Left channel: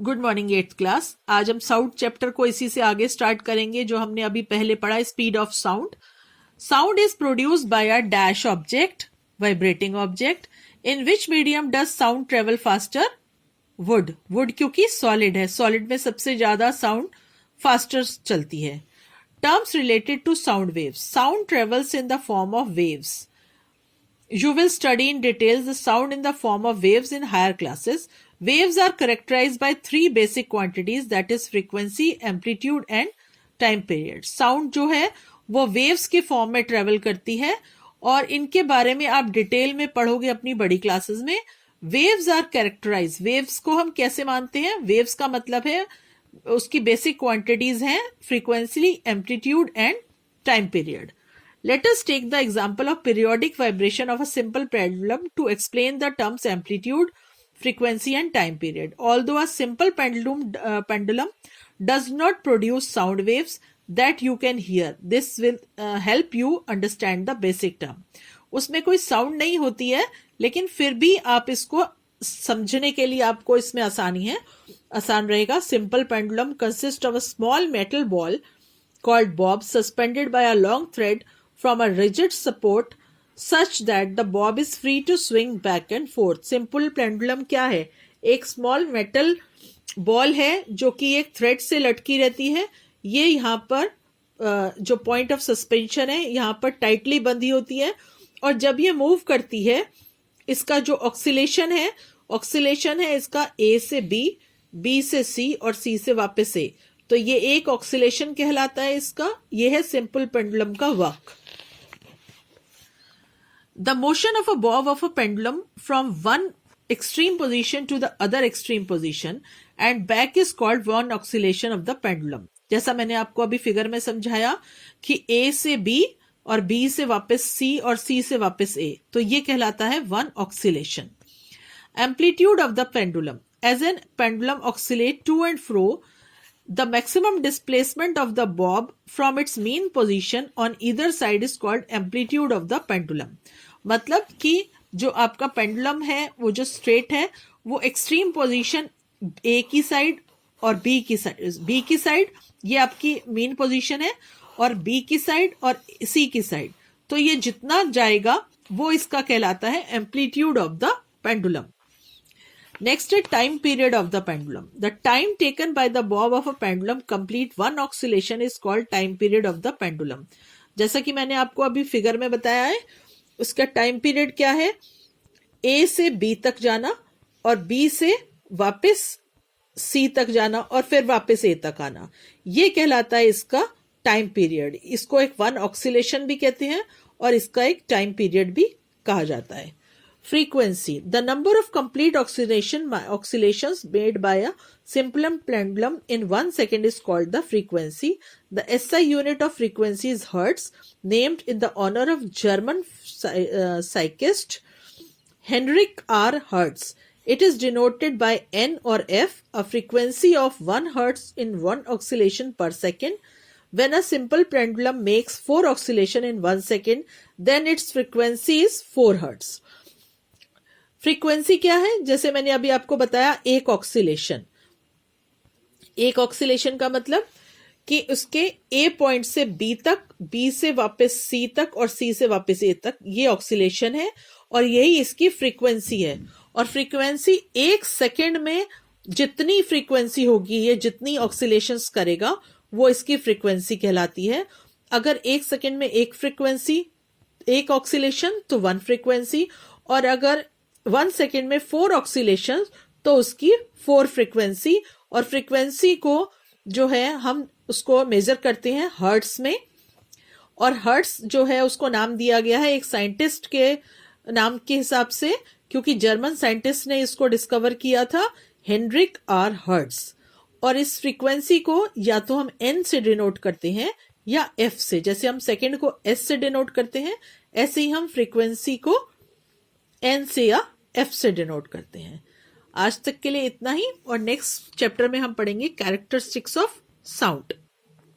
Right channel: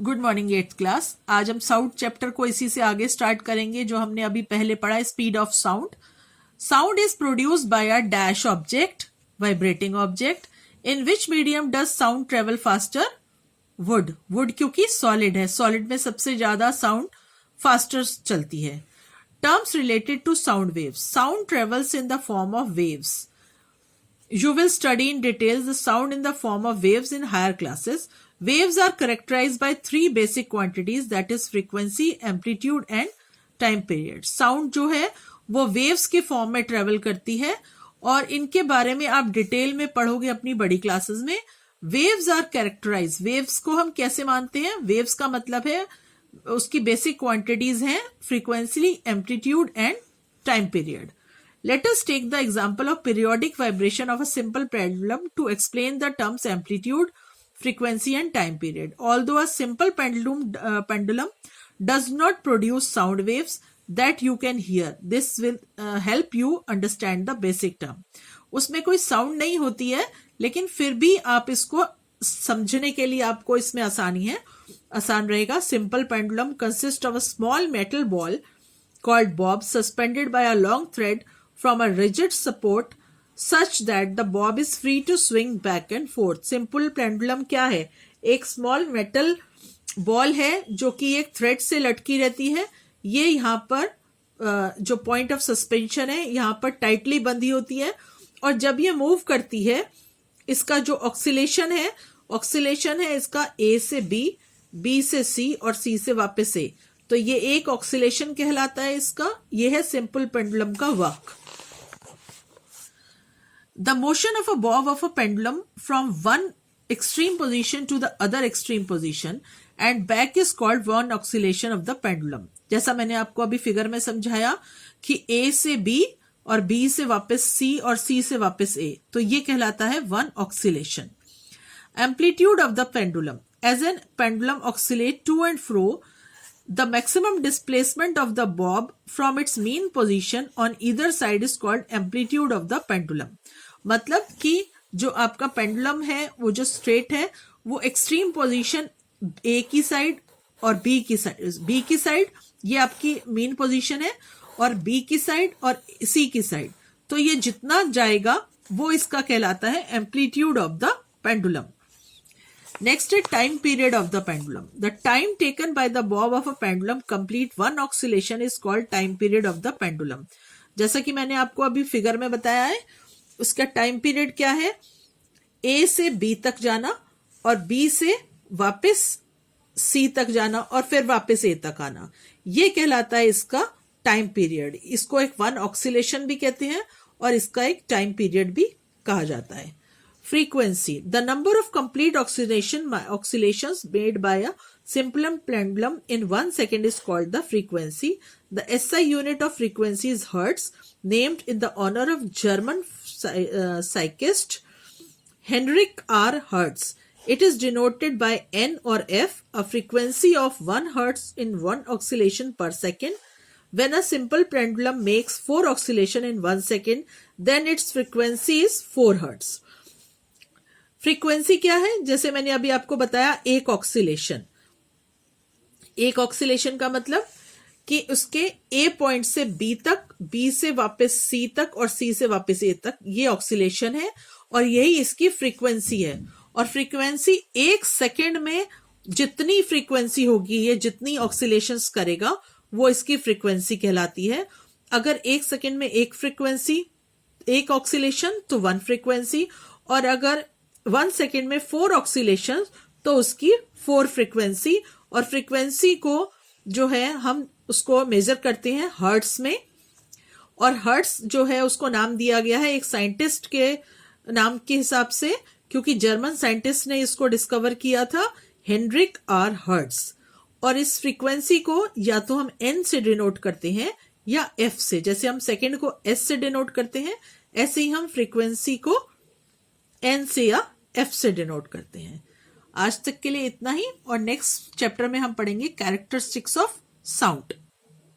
Good morning eighth class. आज हम sound chapter को इसी से आगे स्टार्ट करेंगे जो हमने अभी पहले पढ़ा, speed of sound. Sound is produced by a dash object, vibrating object. In which medium does sound travel faster? Wood क्योंकि सॉलिड है, सॉलिड में सबसे ज्यादा साउंड फास्टर चलती है। Terms related to sound waves. Sound travels in the form of waves. You will study in details the sound in the form of waves in higher classes. Waves are characterized by three basic quantities, that is frequency, amplitude and time period. Sound जो है वो waves के form में travel करती है और इनके बारे में आप डिटेल में पढ़ोगे अपनी बड़ी क्लासेस में। Waves are characterized. Waves को हम कैसे मानते हैं? Waves का मतलब है उसकी बेसिक क्वांटिटीज हैं frequency, amplitude and time period. Let us take the example of periodic vibration of a simple pendulum to explain the terms amplitude, frequency and time period. Although a simple pendulum does not produce sound waves that you can hear, this will help you understand the basic term. उसमें कोई sound नहीं होती है लेकिन फिर भी आप इसको समझने के लिए आपको इसमें आसान रहेगा। Simple pendulum consists of a small metal ball called bob suspended by a long thread from a rigid support such that the bob is free to swing back and forth. Simple pendulum क्या है? एक small metal ball है जो कि एक thread से लटकी रहती है। ये यहाँ पर जो point of suspension है यहाँ पर tightly बंधी होती है और जब ये move करती है इसका जो oscillation है इसका A से B, B से C और C से वापस A, तो ये एक ऑक्सीलेशन कहलाता है इसका। ये है सिंपल पेंडुलम का work. The motion of a bob of a pendulum from one extreme position to the other extreme position and back is called one oscillation of the pendulum. जैसा मैंने आपको अभी फिगर में समझाया कि A से B और B से वापस C और C से वापस A, तो ये कहलाता है one oscillation. Amplitude of the pendulum. As an pendulum oscillates to and fro, the maximum displacement of the bob from its mean position on either side is called amplitude of the pendulum. मतलब कि जो आपका pendulum है वो जो straight है वो extreme position A की साइड और बी की साइड ये आपकी मीन पोजीशन है और बी की साइड और सी की साइड, तो ये जितना जाएगा वो इसका कहलाता है amplitude of the pendulum. Next है time period of the pendulum. The time taken by the bob of a pendulum complete one oscillation is called time period of the pendulum. जैसा कि मैंने आपको अभी फिगर में बताया है, उसका टाइम पीरियड क्या है? ए से बी तक जाना और बी से वापस सी तक जाना और फिर वापस ए तक आना, ये कहलाता है इसका टाइम पीरियड. इसको एक वन ऑक्सीलेशन भी कहते हैं और इसका एक टाइम पीरियड भी कहा जाता है. Frequency. The number of complete oscillations made by a simple pendulum in 1 second is called the frequency. The SI unit of frequency is Hertz, named in the honor of German psychist Heinrich R. Hertz. It is denoted by N or F, a frequency of 1 Hertz in 1 oscillation per second. When a simple pendulum makes 4 oscillations in 1 second, then its frequency is 4 Hertz. Frequency क्या है? जैसे मैंने अभी आपको बताया, एक oscillation का मतलब कि उसके ए पॉइंट से बी तक, बी से वापस सी तक और सी से वापस ए तक, ये ऑक्सीलेशन है और यही इसकी फ्रीक्वेंसी है. और फ्रीक्वेंसी एक सेकंड में जितनी फ्रीक्वेंसी होगी, ये जितनी ऑक्सीलेशंस करेगा वो इसकी फ्रीक्वेंसी कहलाती है. अगर एक सेकंड में एक फ्रीक्वेंसी, एक ऑक्सीलेशन तो वन फ्रीक्वेंसी, और अगर 1 सेकेंड में 4 ऑक्सीलेशन तो उसकी 4 फ्रीक्वेंसी. और फ्रीक्वेंसी को जो है हम उसको मेजर करते हैं हर्ट्स में, और हर्ट्स जो है उसको नाम दिया गया है एक साइंटिस्ट के नाम के हिसाब से, क्योंकि जर्मन साइंटिस्ट ने इसको डिस्कवर किया था, हेनरिक आर हर्ट्स. और इस फ्रीक्वेंसी को या तो हम एन से डिनोट करते हैं या एफ से. जैसे हम सेकेंड को एस से डिनोट करते हैं, ऐसे ही हम फ्रीक्वेंसी को एन से या एफ से डिनोट करते हैं. आज तक के लिए इतना ही, और नेक्स्ट चैप्टर में हम पढ़ेंगे कैरेक्टरिस्टिक्स ऑफ साउंड.